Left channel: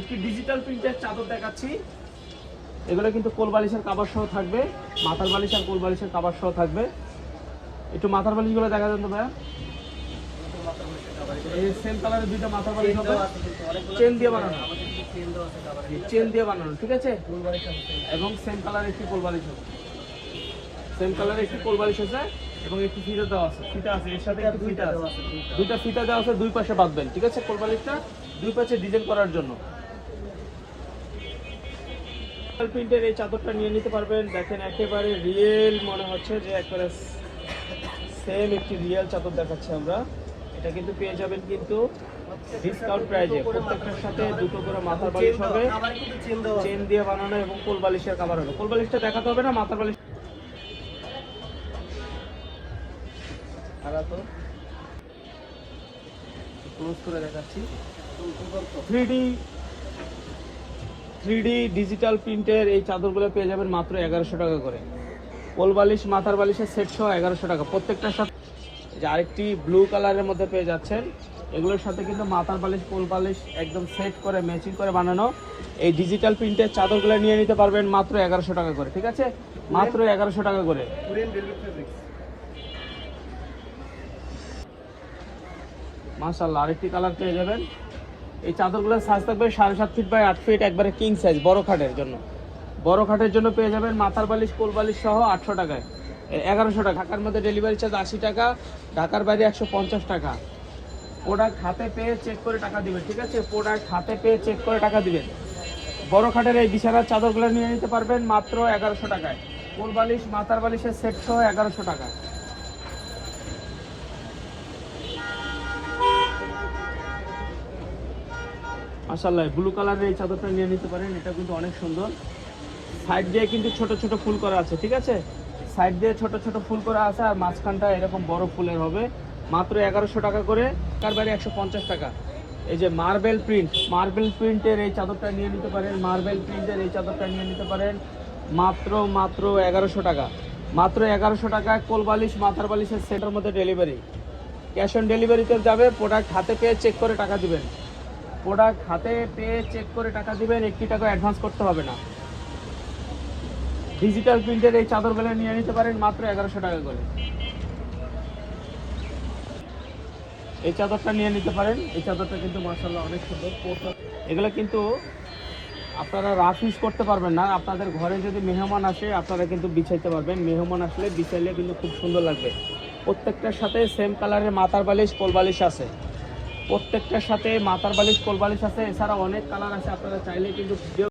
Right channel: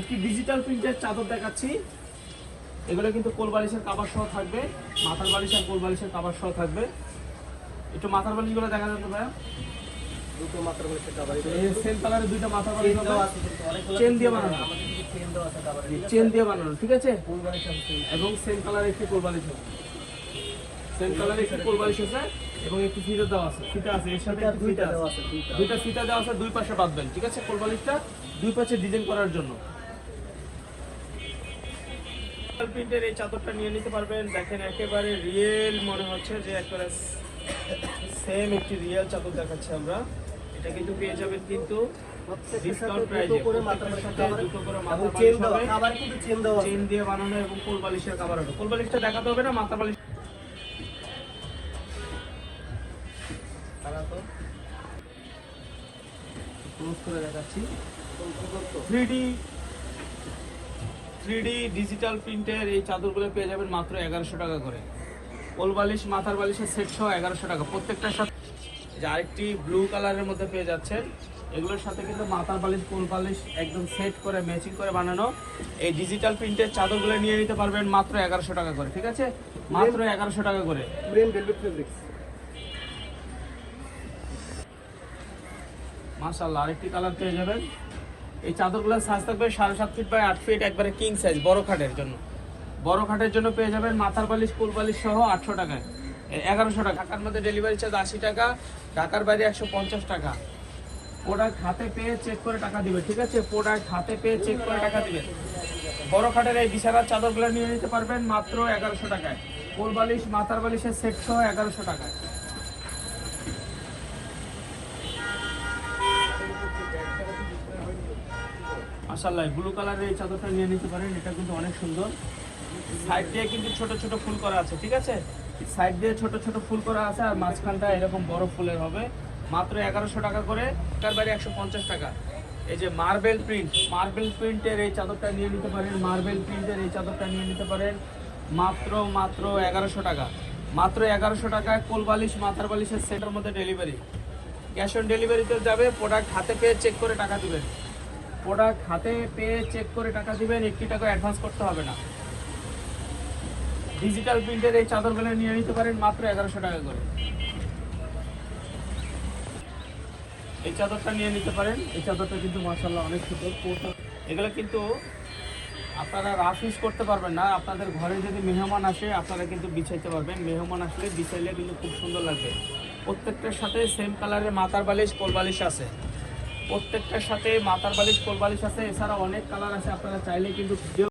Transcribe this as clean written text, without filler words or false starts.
একটি ডিজিটাল প্রিন্টের চাদর দেখাচ্ছি। এগুলো কিন্তু কোল বালিশের কভার সহ থাকবে, মাথার বালিশ আর কোল বালিশের কভার সহ থাকবে। একটু মাথার বালিশগুলো দেখা যাবে ভাইয়া। দুটো মাথার বালিশের কভার, এই সেম কালারের দুটো মাথার বালিশ দেওয়া আছে কিন্তু অনেকগুলো চেন দিয়ে বানানো, আমাদের কিন্তু চেন দেওয়া আছে কভারে, চেন দিয়ে বানানো, ঠিক আছে। কোল বালিশ আছে এবং সেম কালার একটি কোল বালিশ আছে, সেম কালারের একটি কোল বালিশ আছে এবং একটি ফিতা দেওয়া আছে, ফিতা আছে এর সাথে একটি দুইটা ফিতা দেওয়া আছে, আছে, দুটো ফিতা দেওয়া আছে দুই পাশে বাঁধবেন, ঠিক আছে। কোল বালিশটা দুই পাশে ডিজাইন করার জন্য। প্রিন্টের এই চাদরটা নিয়ে নিতে পারবেন। দেখেন একেবারে রিয়েল মনে হচ্ছে যে একেবারে সেম একটি রিয়েল চাদর দেখাচ্ছি আমরা। এটা কিন্তু পেয়ে যাবেন কিন্তু ডিসকাউন্ট প্রাইসে করে মাথার বালিশের কভারে দুটো করে এবং মাথার চেন বালিশ দেওয়া, হবে, কভারে কিন্তু চেন দেওয়া আছে। চেন দিয়ে বানানো এবং কোল বালিশের কভার হবে। কোল বালিশটা দেখাতে হবে না, মাথার বালিশ ক্লোজ করে দেখাচ্ছি। 3D ডিজিটাল প্রিন্টের এই চাদরগুলো পেয়ে যাবেন মাত্র 1100 টাকা করে। কোল বালিশ মাথার বালিশের সেট সহ 1100 টাকা প্রত্যেকটার সাথে। যে আরেকটি ব্লু কালারের মধ্যে পেয়ে যাচ্ছেন, এগুলোর সাথে কিন্তু মাথার বালিশ কোল বালিশ একদম সেট করে ম্যাচিং করে বানানো এই ডিজিটাল প্রিন্টের চাদরগুলো নিয়ে নিতে পারবেন মাত্র 1100 টাকা করে, ঠিক আছে। মাত্র 1100 টাকা করে। পুরেন ভেলভেট ফেব্রিক্স, মাশাআল্লাহ আরেকটি কালার পেয়ে যাবেন। এই চাদরগুলোর সাইজ থাকবে 7.5 ফিট বাই 8 ফিট, একবারে কিং সাইজ, বড় খাটের জন্য। বড় খাটের জন্য পেয়ে যাবেন মাথার বালিশ কোল বালিশ সহ 800 টাকায়, 1100 টাকা। ঢাকার মধ্যে ডেলিভারি চার্জ 80 টাকা, ঢাকার বাইরে 150 টাকা। প্রোডাক্ট হাতে পেয়ে চেক করে টাকা দিবেন, ঠিক আছে। প্রোডাক্ট হাতে পেয়ে চেক করে টাকা দিবেন। বড় খাটের এই বিছানার চাদরগুলো নিয়ে নিতে পারবেন মাত্র 1100 টাকায়। কোল বালিশ মাথার বালিশের সেট সহ 1100 টাকায়। মাশাআল্লাহ ব্লু কালারের এই চাদরটা নিয়ে নিতে পারেন, এটা কিন্তু অনেক সুন্দর। সাইড দিয়ে কিন্তু ছোট ছোট ফুল করা আছে, ঠিক আছে। সাইড দিয়ে ছোট ছোট ফুল করা আছে আর মাঝখানটা এরকম বড় ফুলের হবে। মাত্র 1100 টাকা করে, তার মানে 150 টাকা। এই যে মার্বেল প্রিন্টের এই চাদরটা নিয়ে নিতে পারেন, মার্বেল প্রিন্টের এই চাদরটা নিয়ে নিতে পারেন মাত্র 1100 টাকা। মাত্র 1100 টাকা। কোল বালিশ মাথার বালিশের সেটের মধ্যে ডেলিভারি, ক্যাশ অন ডেলিভারিতে যাবে। প্রোডাক্ট হাতে পেয়ে চেক করে টাকা দিবেন, প্রোডাক্ট হাতে পেয়ে চেক করে টাকা দিবেন, 1 টাকা অ্যাডভান্স করতে হবে না। ডিজিটাল প্রিন্টের এই চাদরগুলো নিয়ে নিতে পারেন মাত্র 1100 টাকা করে। এই চাদরটা নিয়ে নিতে পারেন, এই চাদরটা কিন্তু মাশাআল্লাহ অনেক সুন্দর। এগুলো কিন্তু আপনারা রাফ ইউজ করতে পারবেন না, আপনাদের ঘরে যদি মেহমান আসে আপনারা কিন্তু বিছাইতে পারবেন। মেহমান আসলে বিছাইলে কিন্তু খুব সুন্দর লাগবে। প্রত্যেকটার সাথে সেম কালারের মাথার বালিশ কোল বালিশ আছে, প্রত্যেকটার সাথে মাথার বালিশ কোল বালিশ আছে। এছাড়া অনেক কালার আছে, আপনারা চাইলে কিন্তু